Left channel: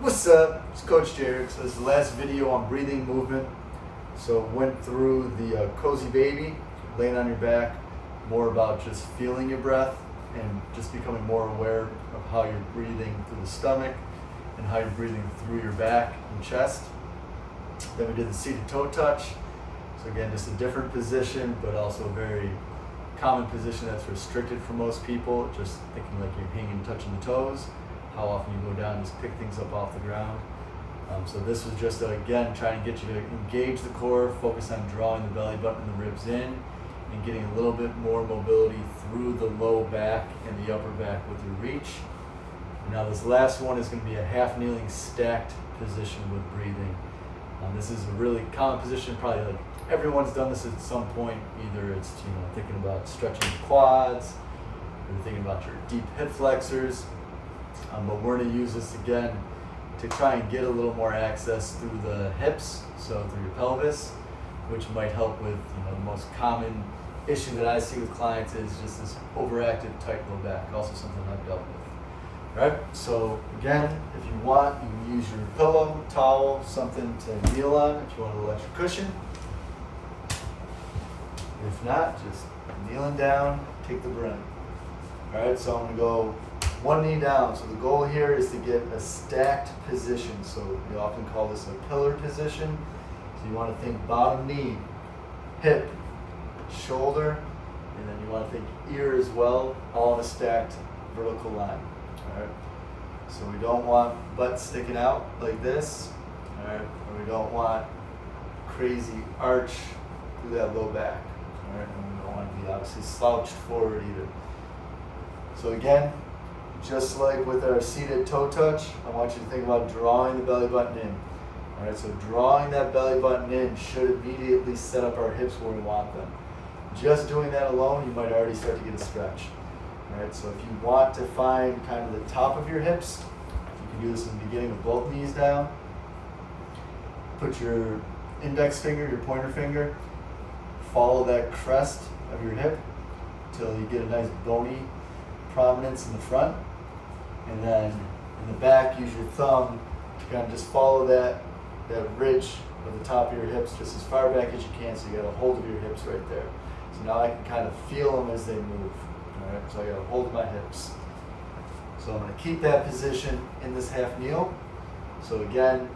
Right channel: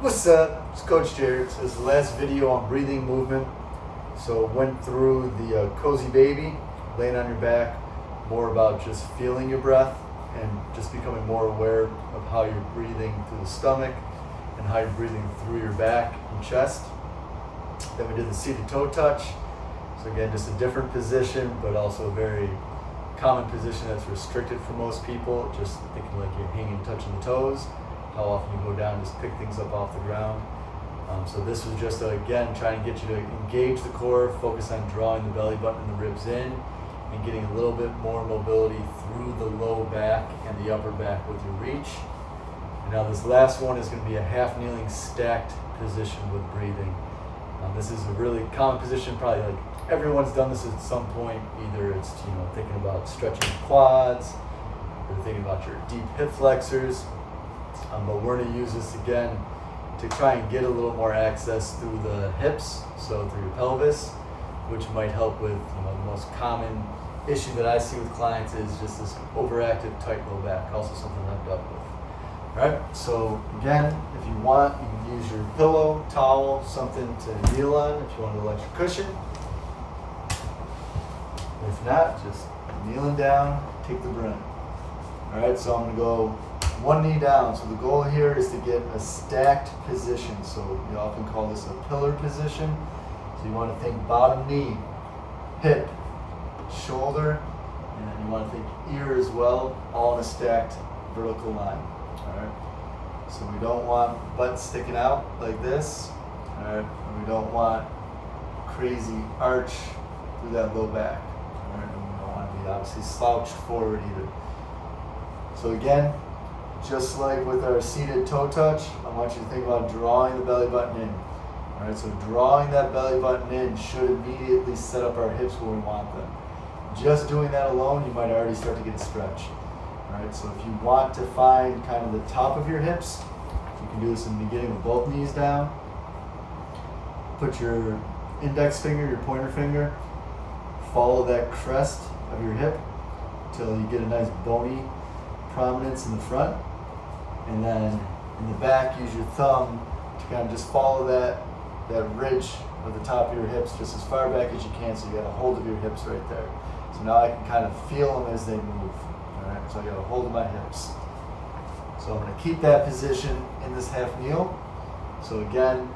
What's up? It's Coach Jared. So this is the last video on breathing movement. So went through the cozy baby, laying on your back, more about just feeling your breath and just becoming more aware of how you're breathing through the stomach and how you're breathing through your back and chest. Then we did the seated toe touch. So again, just a different position, but also a very common position that's restricted for most people. Just thinking like you're hanging, touching the toes. How often you go down and just pick things up off the ground. So this was just again trying to get you to engage the core, focus on drawing the belly button and the ribs in, and getting a little bit more mobility through the low back and the upper back with your reach. And now this last one is going to be a half kneeling stacked position with breathing. This is a really common position, probably like everyone's done this at some point. Either it's thinking about stretching your quads, or thinking about your deep hip flexors. But we're going to use this again to try and get a little more access through the hips, so through your pelvis, which might help with the most common issue that I see with clients is just this overactive tight low back, also something I've dealt with. All right, so again, if you want, you can use your pillow, towel, something to kneel on if you want an electric cushion. If not, just kneeling down, take the breath. All right, so I'm going to go one knee down. So the goal here is to get a stacked position. So we often call this a pillar position. So you want to think bottom knee, hip, shoulder, and then you want to think ear as well, all in a stacked vertical line. All right. So we don't want butt sticking out like this. All right. And we don't want crazy arch through that low back. All right. And we don't want to be obviously slouched forward either. So again, just like with our seated toe touch, I want you to think about drawing the belly button in. All right, so drawing that belly button in should immediately set up our hips where we want them. Just doing that alone, you might already start to get a stretch. All right, so if you want to find kind of the top of your hips, you can do this in the beginning with both knees down. Put your index finger, your pointer finger, follow that crest of your hip until you get a nice bony prominence in the front. And then in the back, use your thumb to kind of just follow that ridge of the top of your hips just as far back as you can, so you got a hold of your hips right there. So now I can kind of feel them as they move. All right, so I got a hold of my hips. So I'm going to keep that position in this half kneel. So again,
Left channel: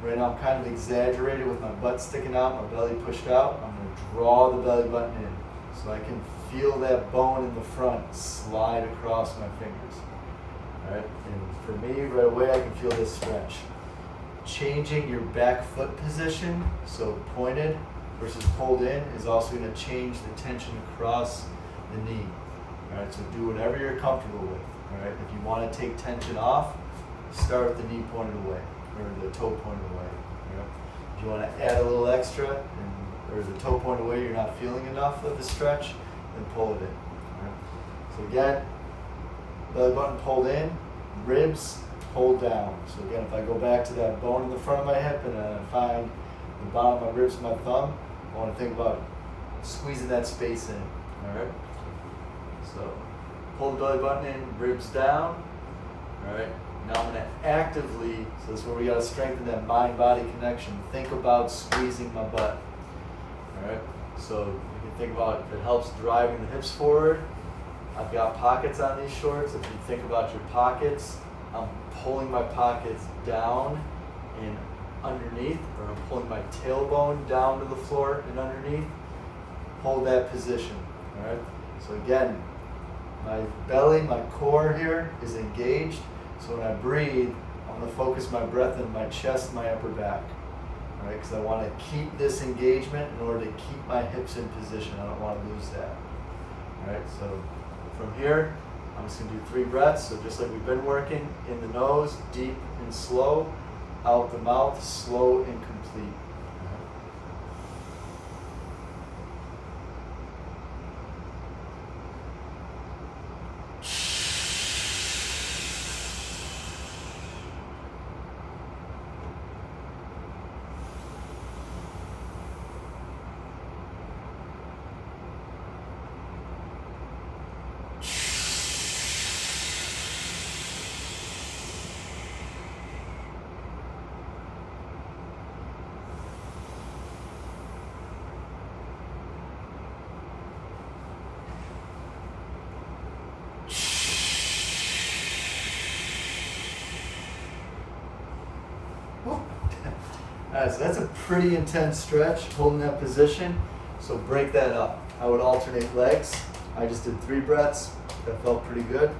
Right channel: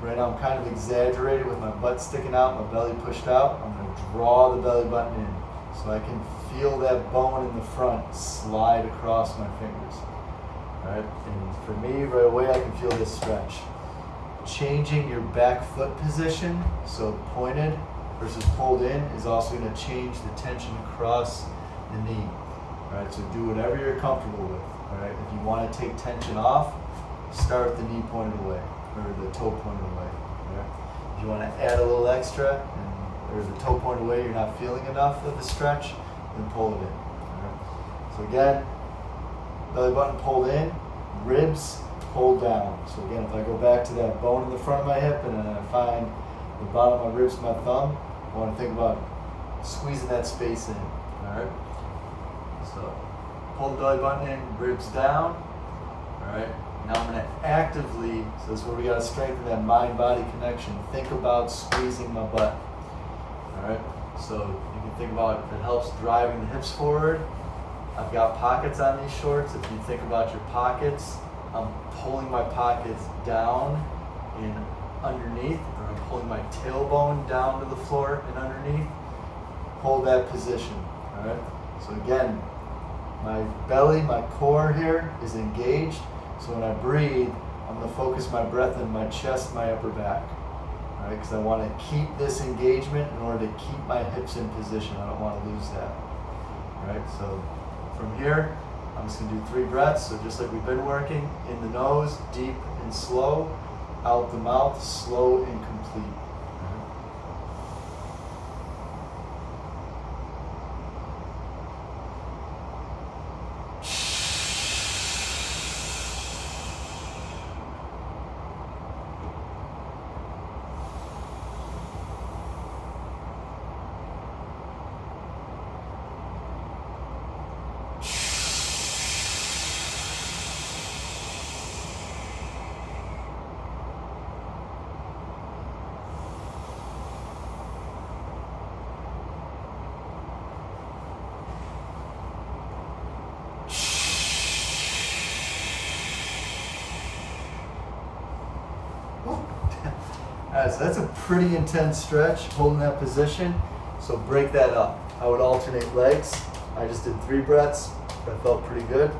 right now I'm kind of exaggerated with my butt sticking out, my belly pushed out. I'm going to draw the belly button in so I can feel that bone in the front slide across my fingers. All right, and for me, right away, I can feel this stretch. Changing your back foot position, so pointed versus pulled in, is also going to change the tension across the knee. All right, so do whatever you're comfortable with. All right, if you want to take tension off, start with the knee pointed away or the toe pointed away. All right, if you want to add a little extra or the toe pointed away, you're not feeling enough of the stretch, then pull it in. All right, so again, belly button pulled in, ribs pulled down. So again, if I go back to that bone in the front of my hip and then I find the bottom of my ribs with my thumb, I want to think about squeezing that space in. All right. So pull the belly button in, ribs down. All right. Now I'm going to actively, so this is where we got to strengthen that mind-body connection. Think about squeezing my butt. All right. So you can think about if it helps driving the hips forward. I've got pockets on these shorts. If you think about your pockets, I'm pulling my pockets down and underneath, or I'm pulling my tailbone down to the floor and underneath. Hold that position, all right? So again, my belly, my core here is engaged. So when I breathe, I'm gonna focus my breath in my chest, my upper back, all right? Because I wanna keep this engagement in order to keep my hips in position. I don't wanna lose that, all right? So from here, I'm just going to do 3 breaths. So just like we've been working, in the nose, deep and slow, out the mouth, slow and complete. All right, so that's a pretty intense stretch, holding that position. So break that up. I would alternate legs. I just did 3 breaths. That felt pretty good.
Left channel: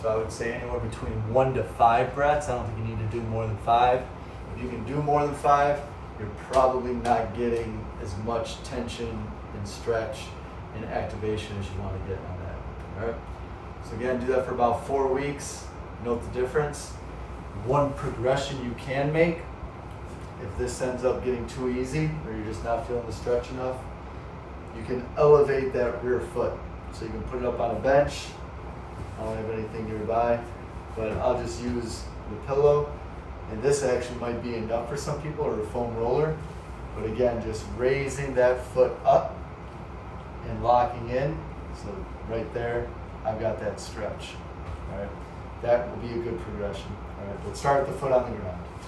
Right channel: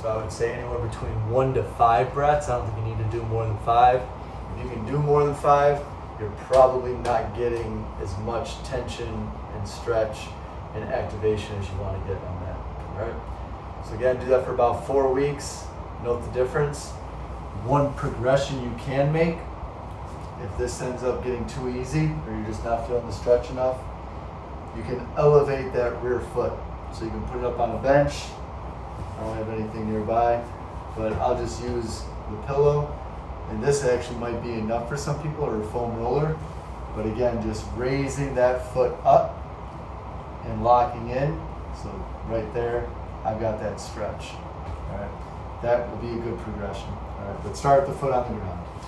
So I would say anywhere between 1 to 5 breaths. I don't think you need to do more than 5. If you can do more than 5, you're probably not getting as much tension and stretch and activation as you want to get on that. All right. So again, do that for about 4 weeks. Note the difference. One progression you can make, if this ends up getting too easy or you're just not feeling the stretch enough, you can elevate that rear foot. So you can put it up on a bench. I don't have anything nearby, but I'll just use the pillow. And this actually might be enough for some people, or a foam roller. But again, just raising that foot up and locking in. So right there, I've got that stretch. All right, that will be a good progression. All right, but start with the foot on the ground.